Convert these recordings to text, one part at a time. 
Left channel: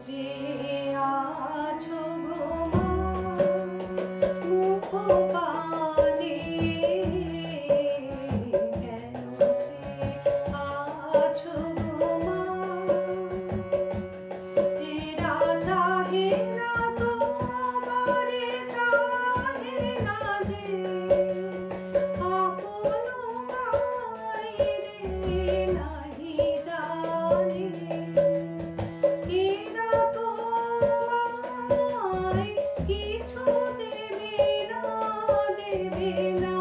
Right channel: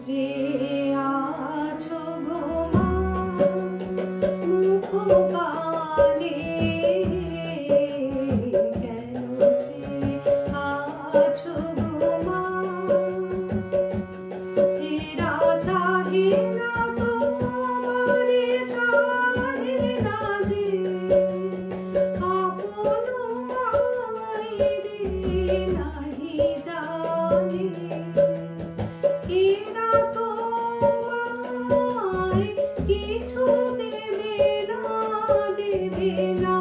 যে আছো গো মা মুখ পানে কেন যে আছো গো মা তেরা চাহে না তোমারে চাহে না যে আপন মায়েরে নাহি জানে এরা তোমায় কিছু দেবে না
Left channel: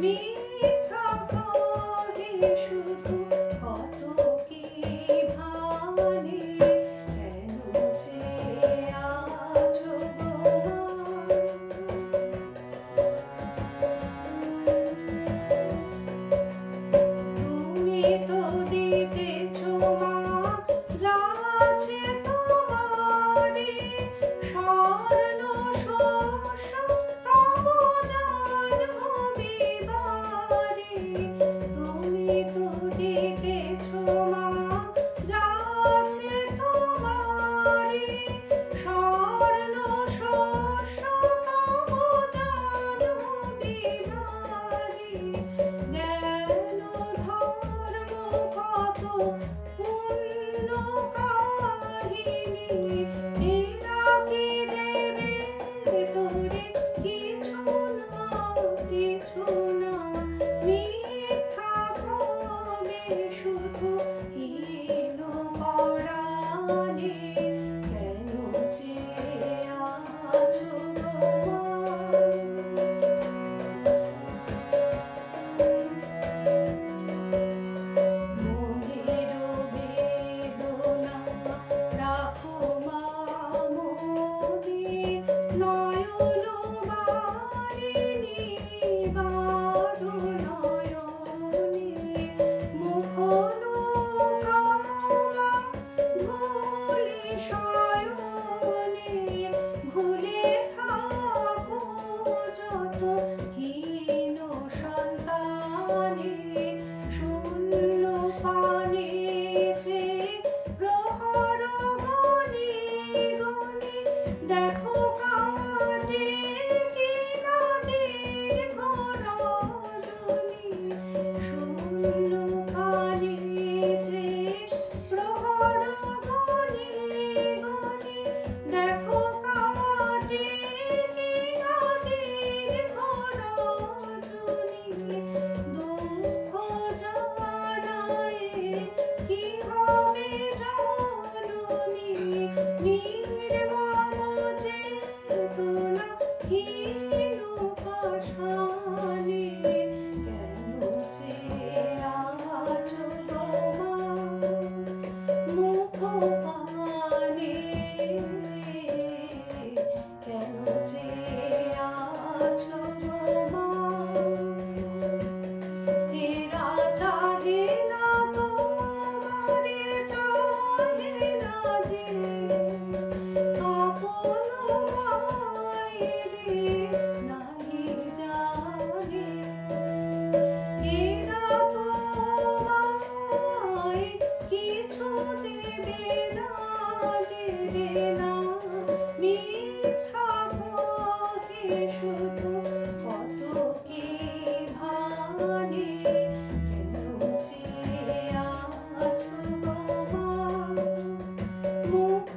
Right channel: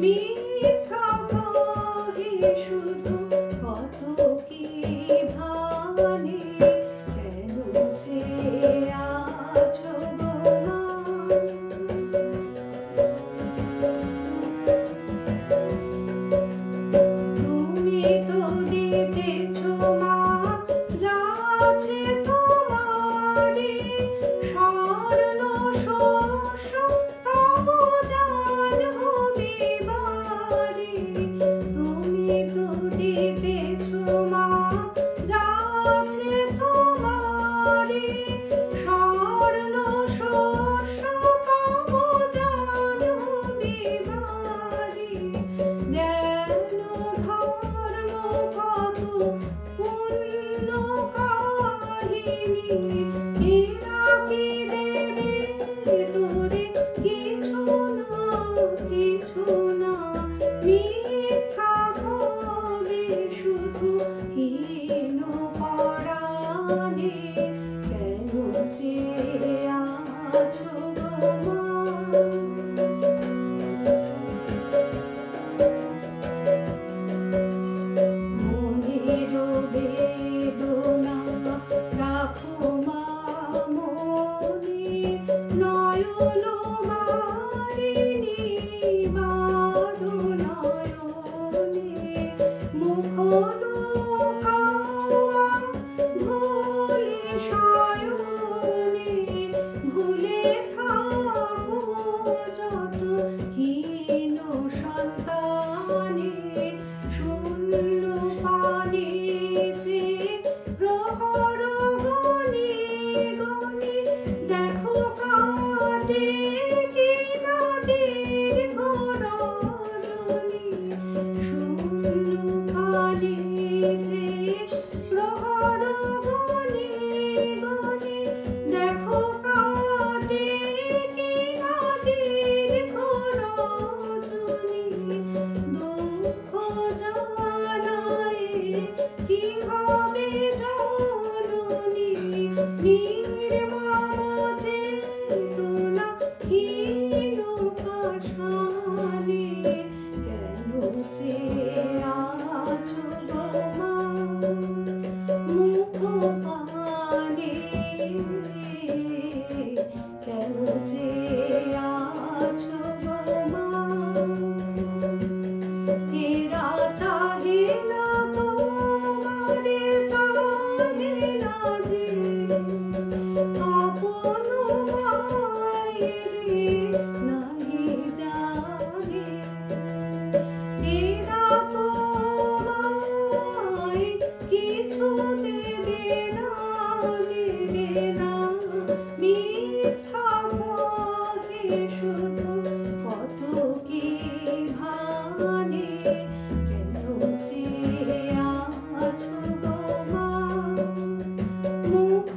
মিথ্যা কহে শুধু কত কি ভানে কেন যে আছো গো মা তুমি তো দিতেছো মা যা আছে তোমারে স্বর্ণ শস্য তব জাহ্নবী বারে তুমি তো দিতেছো মা যা আছে তোমারে স্বর্ণ শস্য তব জাহ্নবী বারে জ্ঞান ধর্ম কত পুণ্য কাহিনী এরা কি দেবে তোরে কিছু না মিথ্যা কবে শুধু হীন পরাণে কেন যে আছো গো মা মনের বেদনা রাখো মা মনে নয়ন বারিণী বারো নয়নে মুখ লুকাও মা ভুলে শয়নে ভুলে থাকো যত হীন সন্তানে শূন্য পানে যে প্রহর গণি গণি দেখো কাটে কি নদীর রজনী শূন্য পানে যে প্রহর গণি গণি দেখো কাটে কি নদীর রজনী দুঃখ জানায় কি হবে জননী নির্মম চেতনা হীন পাষাণে কেন যে আছো গো মা মুখ পানে কেন যে আছো গো মা এরা চাহে না তোমারে চাহে না যে আপন মায়েরে নাহি জানে এরা তোমায় কিছু দেবে না মিথ্যা কহে শুধু কত কি ভানে কেন যে আছো গো মা মুখ